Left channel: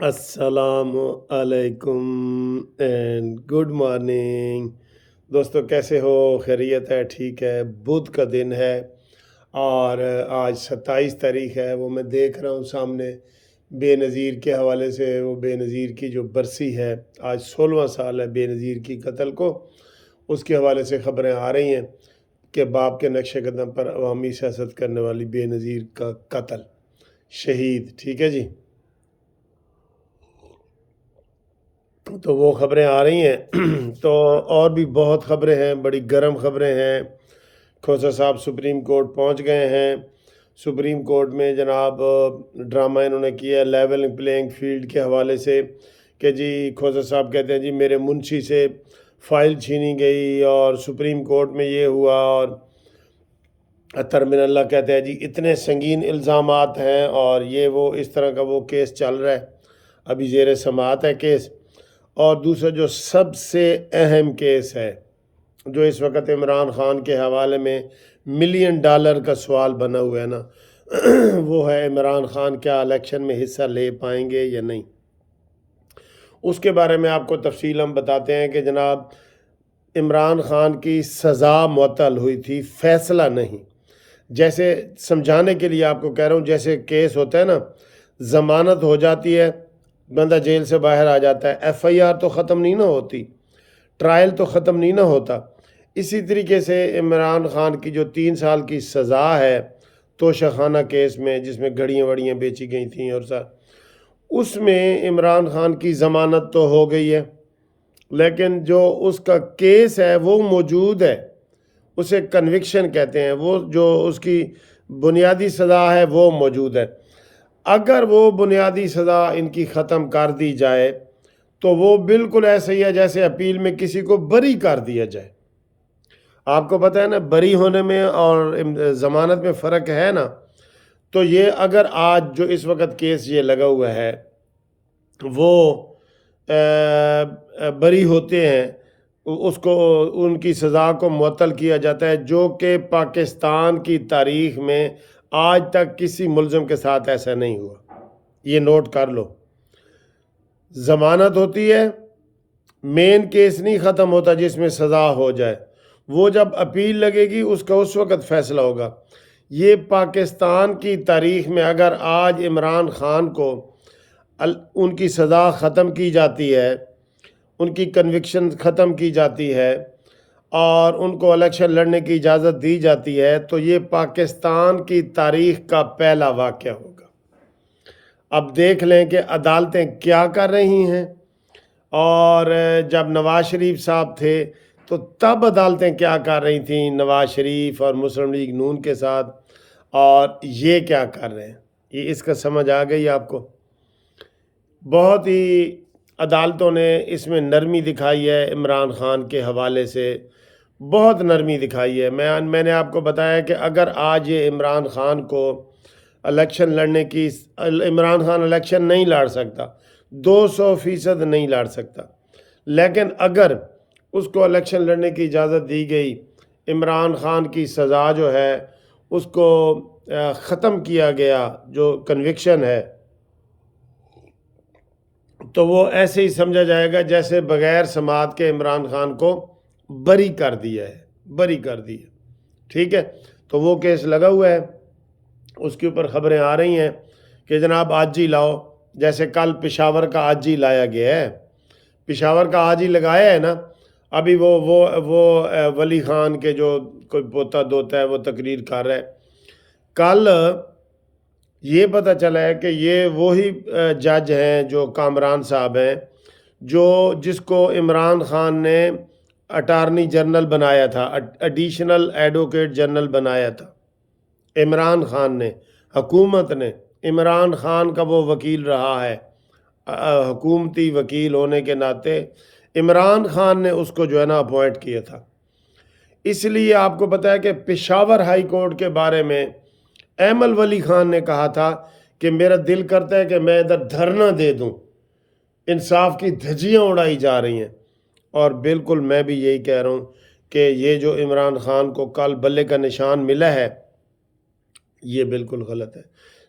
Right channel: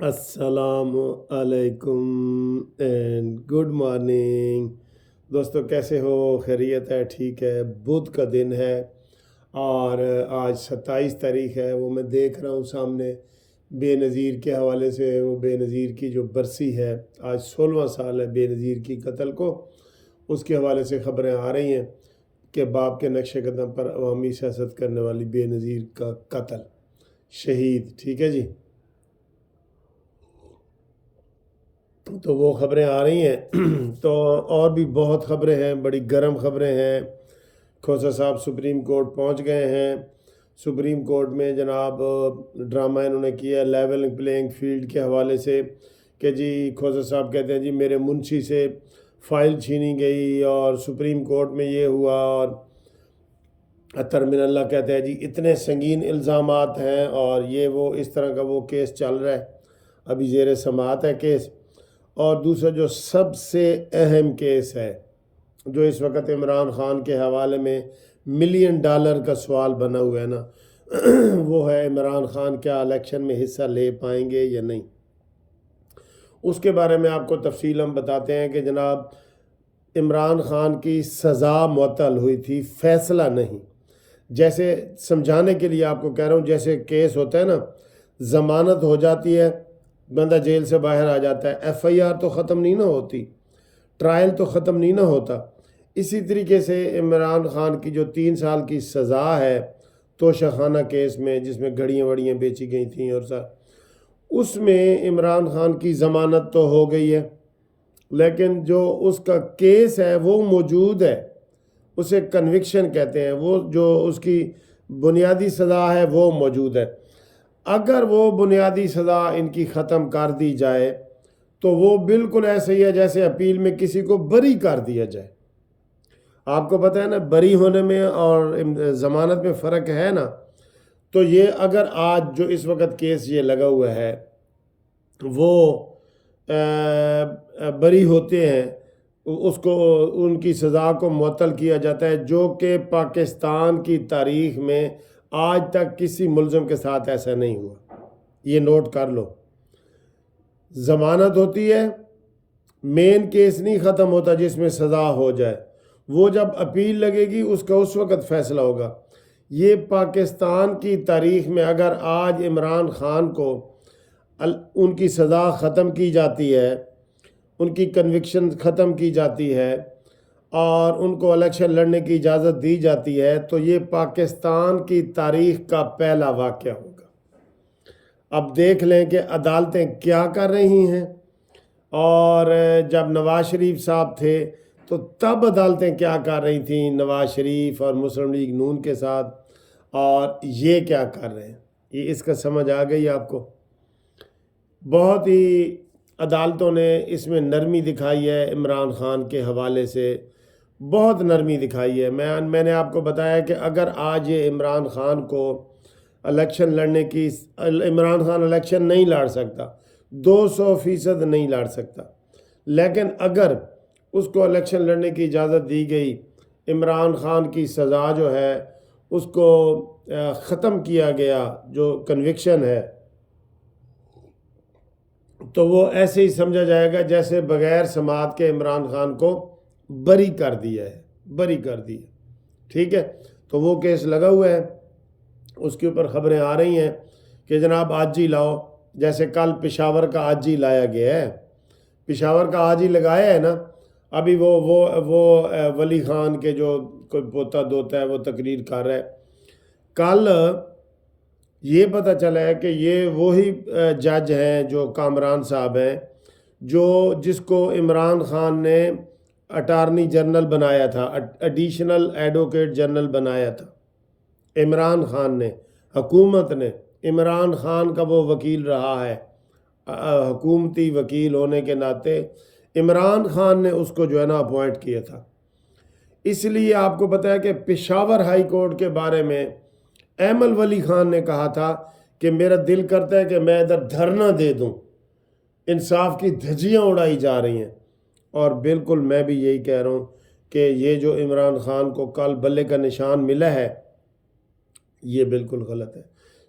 अस्सलाम अलैकुम and good morning. दोस्तों कैसे हो? खैरियत है? ठीक है। बुध का दिन है और आज 27 तारीख है। वो मैं देख रहा हूँ सामने बेनज़ीर के हवाले से। वो बेनज़ीर की जो बरसी है, आज 16वां साल है बेनज़ीर की कत्ल को। उसके हवाले से ख़बरें आ रही हैं कि बाप के नक्श कदम पर अवामी सियासत करने वाली बेनज़ीर का कत्ल, शहीद। ठीक है जी। तो वो ख़बरें आ रही हैं तो और भी बहुत ख़बरें हैं, बड़ी गर्म ख़बरें हैं। खोसा साहब सुप्रीम कोर्ट पहुंच गए हैं। सुप्रीम कोर्ट में जनाब ड्रामा इन्होंने किया लेवल प्लेइंग फील्ड के हवाले से कि जी खोसा साहब कहते हैं जी मेरे मुंशी से फ़ाइल छीनी गई और सुप्रीम कोर्ट में ये हुआ, और अतर मिनल्ला कहते हैं जी इतने संगीन इल्ज़ामात हैं और ये वो इस तरह का वो केस चल रहा है, अभी ज़ेर समाअत है केस। और दूसरा जो सबसे अहम केस है, जो इस वक्त इमरान ख़ान के हवाले में $1 मिलियन का सवाल बना हुआ है ना, वो है इमरान ख़ान क्या इलेक्शन में हिस्सा ले पाएंगे या नहीं। उसके बारे में आपको तफसील हम बताते हैं कि जनाब इमरान ख़ान की सज़ा मुअत्तल हुई थी, फ़ैसला नहीं। जैसे समझाने के लिए आपको कह रहा हूँ, जैसे केस होता है ना, ज़मानत हो जाती है, बंदा जेल से बाहर आ जाता है, FIR तो ख़त्म नहीं ना होती, ट्रायल तो ख़त्म नहीं ना होता। इसी तरीके से इमरान ख़ान की जो 3 साल की सज़ा है तोशाखाना केस में, जिसमें घड़ियाँ वड़ियाँ बेची गई थी और साथ उसमें इमरान ख़ान की ज़मानत तो हो गई है, लेकिन जो उसका केस है वो मौजूद है, उसे कन्विक्शन कहते हैं। वो जो उसकी बुनियादी सज़ा है वो मौजूद है। अगर वो बुनियादी सज़ा इनकी ख़त्म कर दी जाए तो वो बिल्कुल ऐसे ही है जैसे अपील में किसी को बरी कर दिया जाए। आपको पता है ना, बरी होने में और ज़मानत में फ़र्क है ना। तो ये अगर आज जो इस वक्त केस ये लगा हुआ है वो बरी होते हैं, उसको उनकी सज़ा को मुअत्तल किया जाता है, जो कि पाकिस्तान की तारीख़ में आज तक किसी मुल्ज़िम के साथ ऐसा नहीं हुआ। ये नोट कर लो। ज़मानत होती है, मेन केस नहीं ख़त्म होता जिसमें सज़ा हो जाए, वो जब अपील लगेगी उसका उस वक़्त फ़ैसला होगा। ये पाकिस्तान की तारीख़ में अगर आज इमरान ख़ान को उनकी सज़ा ख़त्म की जाती है, उनकी कन्विक्शन ख़त्म की जाती है और उनको इलेक्शन लड़ने की इजाज़त दी जाती है, तो ये पाकिस्तान की तारीख़ का पहला वाक़या होगा। अब देख लें कि अदालतें क्या कर रही हैं। और जब नवाज़ शरीफ साहब थे तो तब अदालतें क्या कर रही थीं नवाज़ शरीफ और मुस्लिम लीग नून के साथ, और ये क्या कर रहे हैं, ये इसका समझ आ गई आपको। बहुत ही अदालतों ने इसमें नरमी दिखाई है, इमरान ख़ान के हवाले से बहुत नरमी दिखाई है। मैंने आपको बताया कि अगर आज ये इमरान ख़ान को इलेक्शन लड़ने की, इमरान ख़ान इलेक्शन नहीं लड़ सकता, 200% नहीं लड़ सकता, लेकिन अगर उसको इलेक्शन लड़ने की इजाज़त दी गई, इमरान ख़ान की सज़ा जो है उसको ख़त्म किया गया, जो कन्विक्शन है, तो वो ऐसे ही समझा जाएगा जैसे बग़ैर समात के इमरान ख़ान को बरी कर दिया है, बरी कर दिया। ठीक है, तो वो केस लगा हुआ है, उसके ऊपर ख़बरें आ रही हैं कि जनाब आज ही लाओ। जैसे कल पेशावर का आज ही लाया गया है, पेशावर का आज ही लगाया है ना। अभी वो वली ख़ान के जो कोई पोता दोता है वो तकरीर कर रहा है। कल ये पता चला है कि ये वही जज हैं जो कामरान साहब हैं, जो जिसको इमरान ख़ान ने अटारनी जनरल बनाया था, एडिशनल एडवोकेट जनरल बनाया था। इमरान ख़ान ने, हुकूमत ने इमरान ख़ान का वो वकील रहा है, हुकूमती वकील होने के नाते इमरान ख़ान ने उसको जो है ना अपॉइंट किया था। इसलिए आपको पता है कि पेशावर हाई कोर्ट के बारे में एमल वली ख़ान ने कहा था कि मेरा दिल करता है कि मैं इधर धरना दे दूं, इंसाफ की धज्जियां उड़ाई जा रही हैं। और बिल्कुल मैं भी यही कह रहा हूँ कि ये जो इमरान ख़ान को कल बल्ले का निशान मिला है ये बिल्कुल गलत है।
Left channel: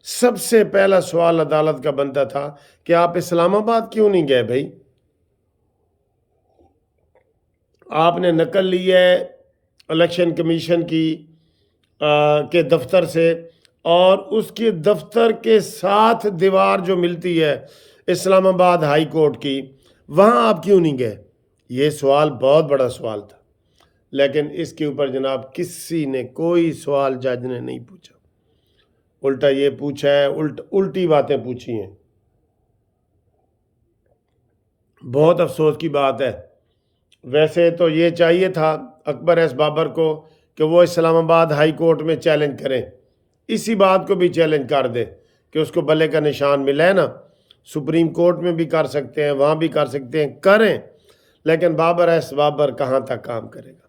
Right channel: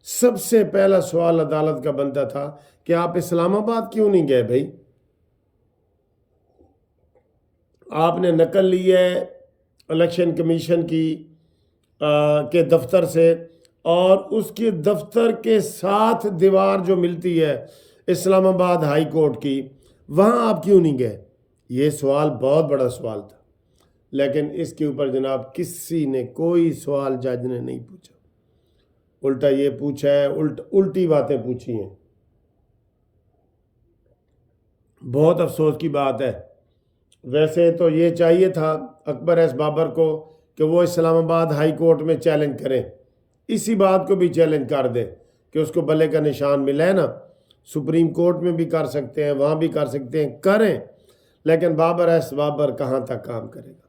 سب سے پہلا سوال عدالت کا بنتا تھا کہ آپ اسلام آباد کیوں نہیں گئے بھائی؟ آپ نے نقل لی ہے الیکشن کمیشن کی کے دفتر سے، اور اس کے دفتر کے ساتھ دیوار جو ملتی ہے اسلام آباد ہائی کورٹ کی، وہاں آپ کیوں نہیں گئے؟ یہ سوال بہت بڑا سوال تھا، لیکن اس کے اوپر جناب کسی نے کوئی سوال جج نے نہیں پوچھا، الٹا یہ پوچھا ہے، الٹی باتیں پوچھی ہیں۔ بہت افسوس کی بات ہے۔ ویسے تو یہ چاہیے تھا اکبر ایس بابر کو کہ وہ اسلام آباد ہائی کورٹ میں چیلنج کریں، اسی بات کو بھی چیلنج کر دے کہ اس کو بلے کا نشان ملا ہے نا، سپریم کورٹ میں بھی کر سکتے ہیں، وہاں بھی کر سکتے ہیں، کریں، لیکن بابر ایس بابر کہاں تک کام کرے گا؟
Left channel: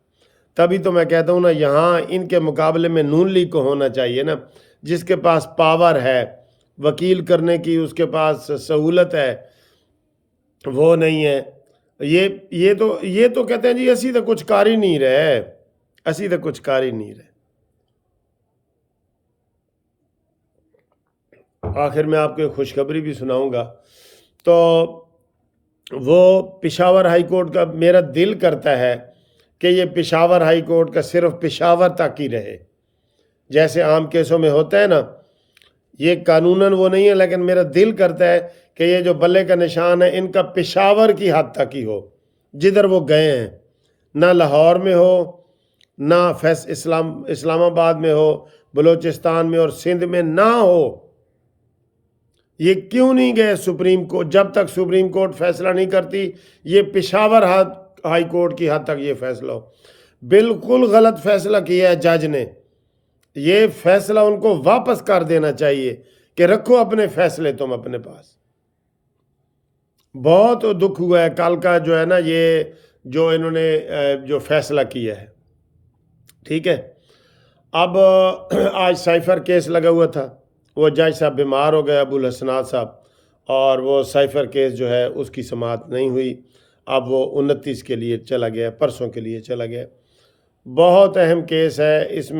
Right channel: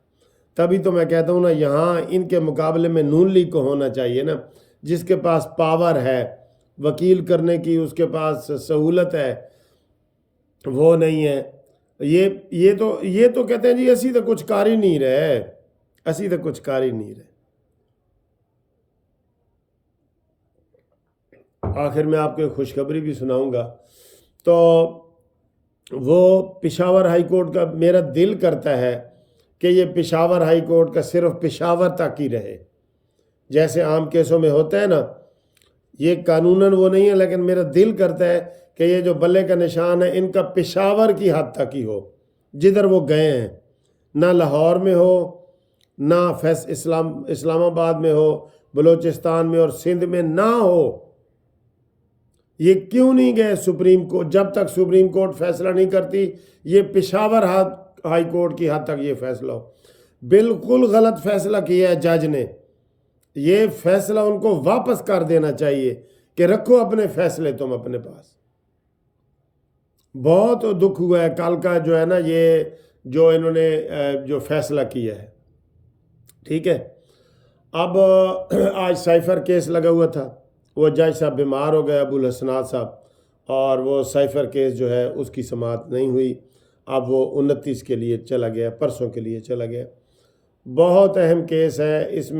تبھی تو میں کہتا ہوں نا، یہاں ان کے مقابلے میں نون لیگ کو ہونا چاہیے نا، جس کے پاس پاور ہے وکیل کرنے کی، اس کے پاس سہولت ہے، وہ نہیں ہے۔ یہ تو کہتے ہیں جی اسی تو کچھ کر ہی نہیں رہے، اسی تو کچھ کر ہی نہیں رہے۔ آخر میں آپ کو ایک خوشخبری بھی سناؤں گا۔ تو وہ پشاور ہائی کورٹ کا میرا دل کرتا ہے کہ یہ پشاور ہائی کورٹ کا صرف پشاور تک ہی رہے، جیسے عام کیسوں میں ہوتا ہے نا، یہ قانوناً وہ نہیں ہے، لیکن میرا دل کرتا ہے کہ یہ جو بلے کا نشان ہے ان کا پشاور کی حد تک ہی ہو، جدھر وہ گئے ہیں، نہ لاہور میں ہو، نہ اسلام آباد میں ہو، بلوچستان میں اور سندھ میں نہ ہو۔ یہ کیوں نہیں گئے سپریم کورٹ؟ جب تک سپریم کورٹ فیصلہ نہیں کرتی، یہ پشاور ہائی کورٹ کی حد تک یہ فیصلہ ہو۔ بالکل غلط فیصلہ کیا ہے جج نے، یہ فیصلہ ان کو واپس کر دینا چاہیے کہ رکھو اپنے فیصلے تم اپنے پاس۔ بہت دکھ ہوا ہے کل کا جو ہے نا، یہ جو انہوں نے جو فیصلہ کیا ہے، ٹھیک ہے۔ اب آج سائفر کیس لگا ہوا تھا، وہ جج صاحب بیمار ہو گئے، ابو الحسنات صاحب، اور وہ سائفر کیس جو ہے اس کی سماعت نہیں ہوئی، اب وہ 29 کے لیے چلا گیا، پرسوں کے لیے چلا گیا۔ بہت اہم کیس ہے، اس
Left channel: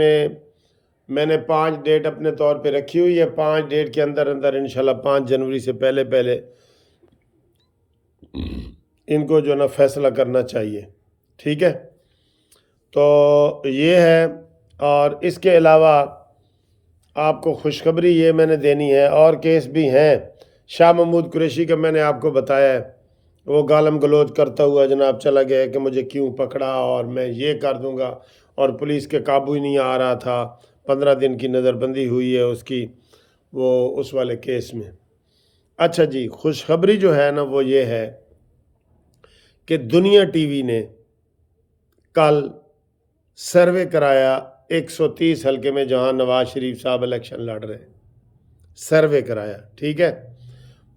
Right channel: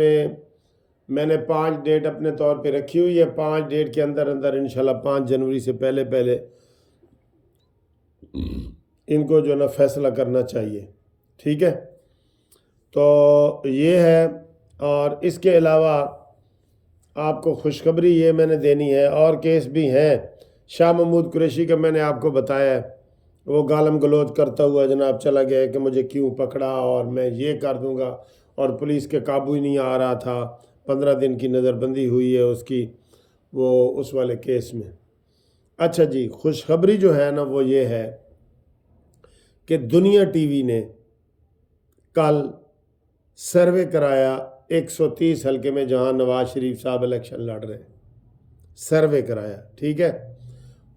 میں نے 5 ڈیٹ اپنے طور پہ رکھی ہوئی ہے، 5 ڈیٹ کے اندر انشاءاللہ 5 جنوری سے پہلے ان کو جو نا فیصلہ کرنا چاہیے، ٹھیک ہے۔ تو یہ ہے، اور اس کے علاوہ آپ کو خوشخبری یہ میں نے دینی ہے، اور کیس بھی ہیں۔ شاہ محمود قریشی کا میں نے آپ کو بتایا ہے، وہ گالم گلوچ کرتا ہوا جناب چلا گیا کہ مجھے کیوں پکڑا اور میں یہ کر دوں گا، اور پولیس کے قابو ہی نہیں آ رہا تھا۔ 15 دن کی نظر بندی ہوئی ہے اس کی، وہ اس والے کیس میں۔ اچھا جی، خوشخبری جو ہے نا وہ یہ ہے کہ دنیا ٹی وی نے کل سروے کرایا 130 حلقے میں جہاں نواز شریف صاحب الیکشن لڑ رہے ہیں، سروے کرایا، ٹھیک ہے۔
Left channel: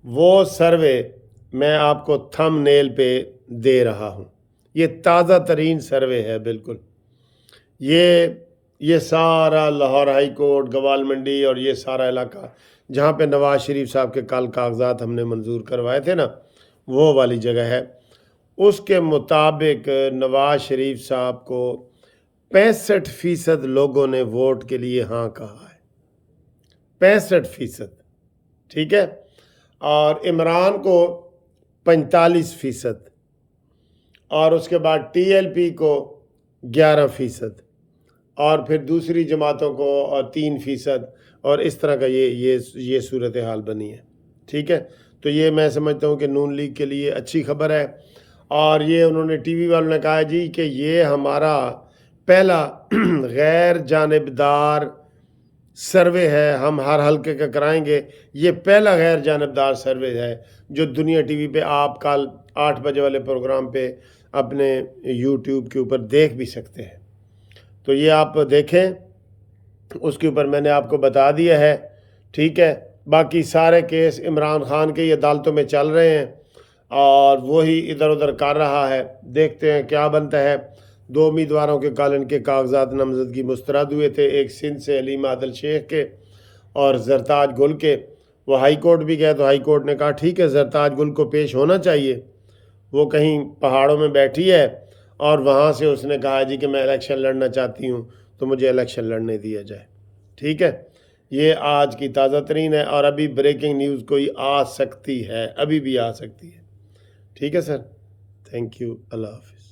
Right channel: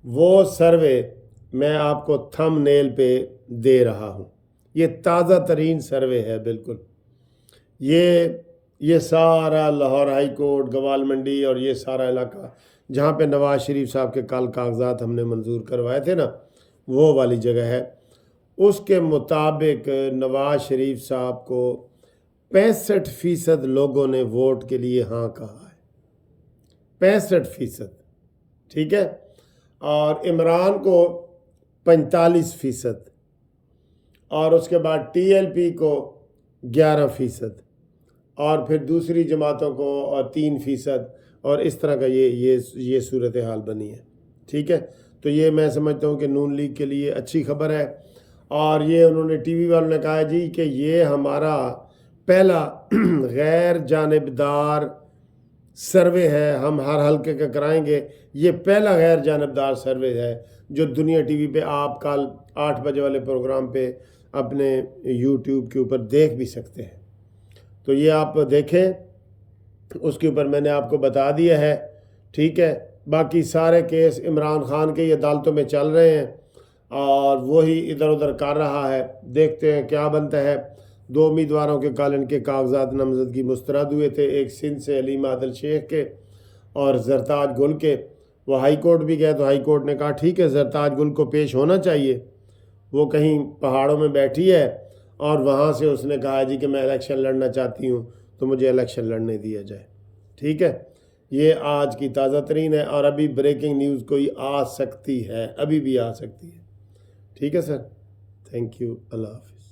وہ سروے میں آپ کو تھم نیل پہ دے رہا ہوں، یہ تازہ ترین سروے ہے بالکل۔ یہ سارا لاہور ہائی کورٹ، گوال منڈی اور یہ سارا علاقہ جہاں پہ نواز شریف صاحب کے کل کاغذات ہم نے منظور کروائے تھے نا، وہ والی جگہ ہے۔ اس کے مطابق نواز شریف صاحب کو 65% لوگوں نے ووٹ کے لیے ہاں کہا ہے، 65%، ٹھیک ہے۔ اور عمران کو 45%، اور اس کے بعد ٹی ایل پی کو 11%، اور پھر دوسری جماعتوں کو اور 3%، اور اس طرح کا یہ صورتحال بنی ہے، ٹھیک ہے۔ تو یہ میں سمجھتا ہوں کہ نون لیگ کے لیے اچھی خبر ہے، اور یہ انہوں نے ٹی وی والوں نے کہا جی کہ یہ ہمارا پہلا غیر جانبدار سروے ہے، ہم ہر حلقے کا کرائیں گے، یہ پہلا غیر جانبدار سروے ہے جو دنیا ٹی وی پہ آپ کل 8 بجے والے پروگرام پہ اپنے یوٹیوب کے اوپر دیکھ بھی سکتے ہیں۔ تو یہ آپ دیکھیں، اس کے اوپر میں نے آپ کو بتا دیا ہے، ٹھیک ہے۔ باقی سارے کیس عمران خان کے عدالتوں میں چل رہے ہیں، اور وہی ادھر ادھر کر رہا ہے، دیکھتے ہیں کیا بنتا ہے۔ 2 امیدواروں کے کل ان کے کاغذات نامزدگی مسترد ہوئے تھے، ایک سندھ سے علیم عادل شیخ کے اور زرتاج گل کے۔ وہ ہائی کورٹ بھی گئے تو ہائی کورٹ نے کہا ٹھیک ہے زرتاج گل کو پیش ہونا چاہیے، وہ کہیں پہاڑوں میں بیٹھی ہے، اور وہاں سے اس نے کہا جی کہ میں الیکشن لڑنا چاہتی ہوں تو مجھے الیکشن لڑنے دیا جائے، ٹھیک ہے۔ یہ آج کی تازہ ترین ہے، اور ابھی بریکنگ نیوز کوئی آ سکتی ہے، ابھی بھی آ سکتی ہے. ٹھیک ہے سر، تھینک یو، اللہ حافظ.